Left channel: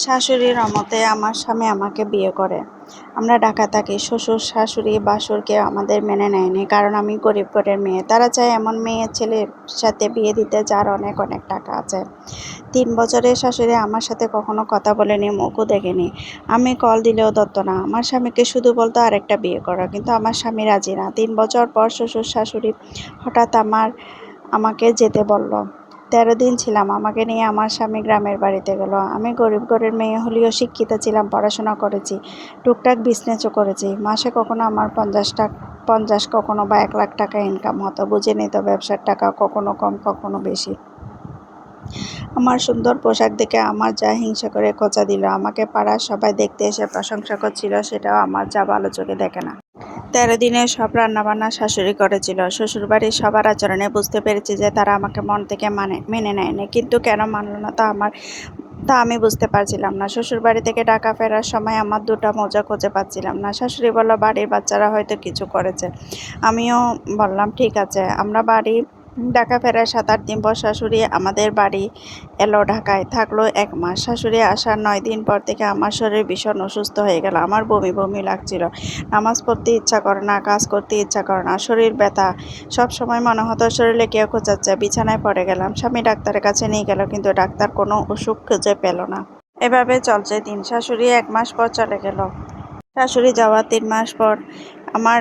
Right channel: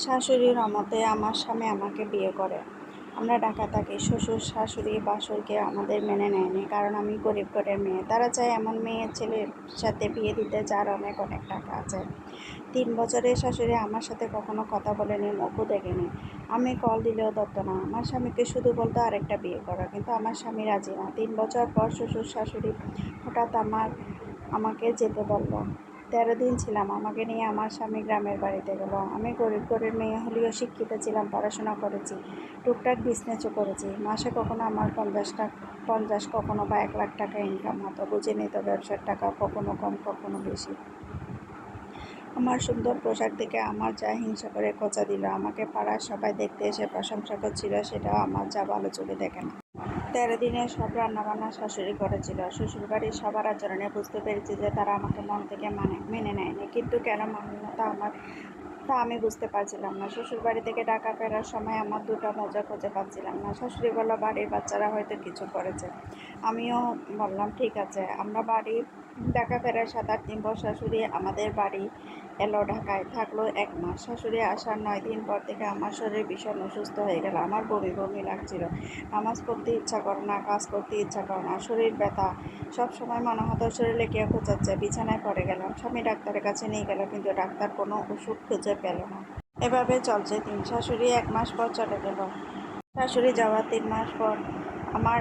শাশুড়ির অমতে আমার স্বামী আমাকে বিয়ে করে। আমরা ঢাকা থাকি, শ্বশুর, শাশুড়ি বাসুরকে আমাদের মেনে নেয়নি, কারণ আমি গরিব ঘরের মেয়ে। তারা চায় এমন মেয়ে ছেলের সাথে বিয়ে দিতে যার অনেক অনেক টাকা আছে। তিন বছরের শাশুড়ি আমার সাথে কখনো কথা বলেনি, মুখও দেখেনি। আমি কল দিলেও দত্ত না। আমার স্বামীকে শুধু বলতো আরেকটা বিয়ে করো, কিন্তু আমার স্বামী রাজি না। তিন বছর পর শ্বশুর, শাশুড়ি হঠাৎ আমার, আমাকে যেতে বলল। তেরো দিন ছিলাম। আমাকে নিয়ে আমার স্বামী গ্রামের বাড়িতে গেল। আমি গরিব ঘরের মেয়ে হলেও শিক্ষিত ছিলাম, পড়াশোনা করেছি, টুকটাক বিজনেসও করেছি। মাসে কখনো আমার পঞ্চাশ টাকা, পঞ্চাশ কখনো বা এক লাখ টাকা ইনকাম হতো। বুঝে নিত ব্যবসার টাকা কখনো কম, কখনো বেশি। আমার সুন্দর পোশাক দেখে আমার যা হিংসা করে খোঁচা দিল। আমাকে পাড়ার সবাই দেখতে এসে প্রশংসা করছিল, সেটাও আমার যা ভালো চোখে দেখে না। তেরো দিনে সব রান্নাবান্না শাশুড়ি করেছিল। শ্বশুরবাড়ির সবার আচরণে বুঝতে পেরেছি যে তারা আমাকে মন থেকে মানে মেনে নেয়নি। কিন্তু কেন মানল না তা আমার তা আমি বুঝতে পারছিলাম না। শ্বশুরবাড়ি থেকে টাকা ফেরার সময় আমার দুটো মজা খুঁজে পাচ্ছিলাম না। শাশুড়ি বলল, বাড়ির বাচ্চারা হয়তো কিছু করেছে। আমিও বললাম, ঠিক আছে, আমরা বাড়ি ঢাকা ফেরার সাত আট দিন পর শাশুড়ি আমাদের বাড়ি এলো ঢাকায়। থাকল এক মাস। শাশুড়ি আসার নয় দিন পর থেকে আমার শরীর ভীষণ অসুস্থ হয়ে গেল। আমার বমি বমি লাগছিল। নামাজ পড়তে ইচ্ছা করে না, কাজ করতে ইচ্ছা করে না, শরীর ব্যথা। সব সময় মনে হতো শরীরে কেউ খোঁচাচ্ছে। বিছানায় পড়ে গেলাম। স্বামী ডাক্তারের কাছে নিয়ে গেল, কিন্তু ডাক্তার কোনো অসুখ খুঁজে পেল না। এভাবে চলছে দিন। শাশুড়ি এক মাস পর চলে গেল। শাশুড়ি যাওয়ার তিন মাস পর আমার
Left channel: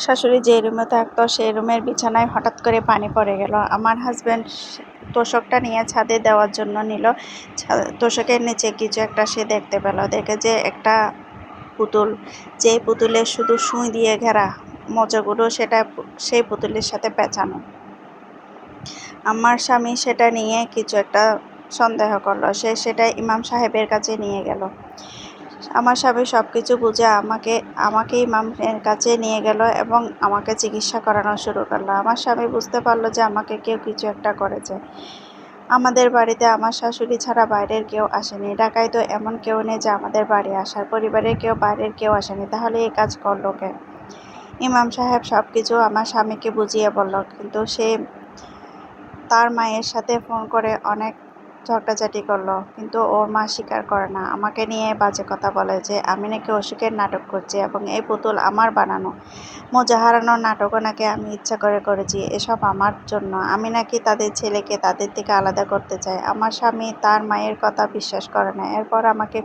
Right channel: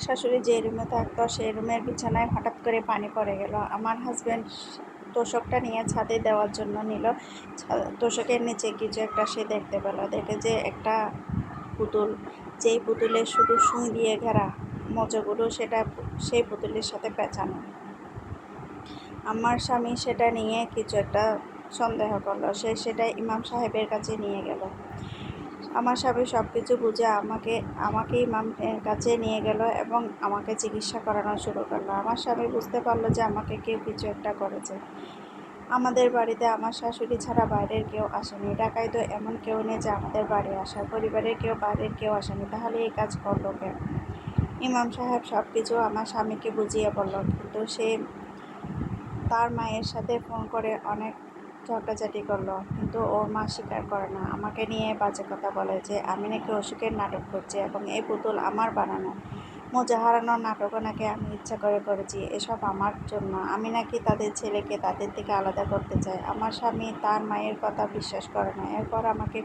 শাশুড়ি যে রুমে থাকতো, সেই রুমের বিছানায় হঠাৎ করে পানি পড়ে গেল। আমার হাজব্যান্ড তোষকটা নিয়ে ছাদে দেওয়ার জন্য নিল। তোষকের নিচে কিছু একটা সে দেখতে পেল। দেখে যে একটা পুতুল যে পুতুলের শুধু সুই দিয়ে ঘেরা মজাগুলো, সেটা সেই পুতুলের সাথে পেঁচানো। আমার স্বামী সেটা নিয়ে কিছু একটা সন্দেহ করল। সে সেটা ইমাম সাহেবের কাছে নিয়ে গেল। আমার স্বামী সব কিছু বুঝে আমাকে আমাকে ইমামের কাছে নিয়ে গেল এবং আমাকে চিকিৎসা করানো শুরু করল। আমার স্বামী বুঝতে পারল যে আমাকে কেউ কিছু একটা করেছে। আমাদের বাড়িতে আমার শাশুড়ি ছাড়া বাইরের কেউ আসেনি। ঢাকায় তো এমন কেউ নেই যে আমাদের বাড়ি আসার, পরিবারের কেউ বাইরের কেউ আসেনি। তাহলে এই কাজ করল কে? ইমাম সাহেব সব কিছু আমার স্বামীকে বুঝিয়ে বলল। কিন্তু সে তার মায়ের সাথে ফোন করে অনেক ঝগড়াঝাটি করল, কিন্তু ওর মা স্বীকার করে না। আমাকে নিয়ে বাজে কথা বলে যে, আমি নাকি অসুখের নাটক করছি এবং এই পুতুল আমার বানানো। মোজা হারানোর নাটকও নাকি আমি ইচ্ছা করে করেছি, এসব আমার জন্য। আমি নাকি তাদের ছেলেকে তাদের থেকে আলাদা করতে চাই। আমার স্বামী তার মায়ের কথা বিশ্বাস করে না। এরপর আমাকে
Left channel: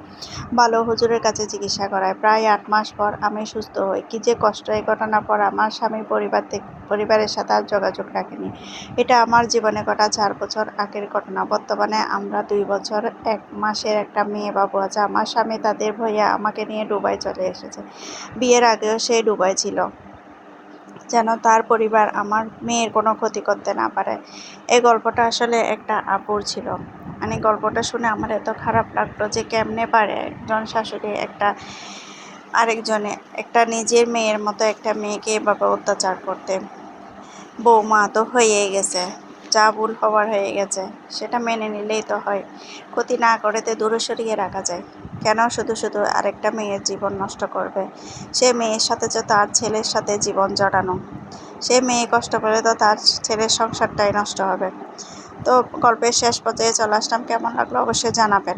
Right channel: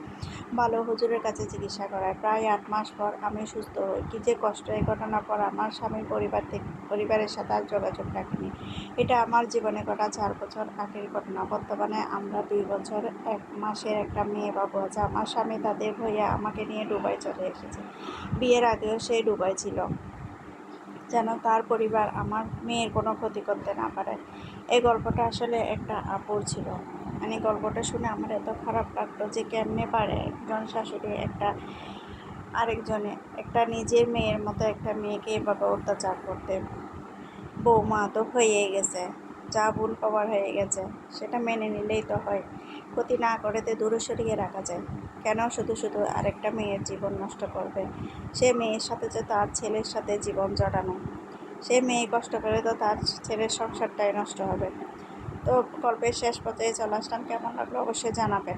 ভালো হুজুরের কাছে চিকিৎসা করায়। প্রায় আট মাস পর আমি সুস্থ হই। কী যে কষ্ট, এই ঘটনার পর আমার স্বামীর পরিবার থেকে পরিবারের সাথে আর যোগাযোগ রাখিনি। এটা আমার জীবনে ঘটা চার বছর আগের ঘটনা। বর্তমানে আমরা দুই বছর, এক মাসের একটা মেয়ে বাবু আছে। আমার স্বামী তাদের ভইয়া আমাকে নিয়ে দুবাই চলে এসেছে। বিয়ের আগেও সে ডুবাই ছিল। যেন তার পরিবার আমার মেয়ের কোনো ক্ষতি করতে না পারে। এই গল্পটা আসলে একটা আপুর ছিল। মানে গল্পটা শুনে আমার এত খারাপ লাগতো যে কেমনে পারে একজন শাশুড়ি একটা আরেকজনে, একটা নিজের মেয়ের মতো একটা মেয়েকে এভাবে অত্যাচার করতে। বৌমা তো হয়েই গেছে, যা ভুল হওয়ার হয়ে গেছে, সেটা মেনে নিলেই তো হয়। ক্ষতি না করে তো দূরে সরিয়ে রাখা যায়। কেন শুধু শুধু আরেকটা মেয়ের জীবন নষ্ট করবে? সে মেয়ের সাথে তো তার ছেলের সাথে জীবন জড়ানো। সে মেয়ে কষ্ট করে তো তার ছেলের সংসারটাই নষ্ট হবে। তো গল্পের শেষ পর্যায়ে চলে আসলাম। কেমন লাগল অবশ্যই জানাবেন।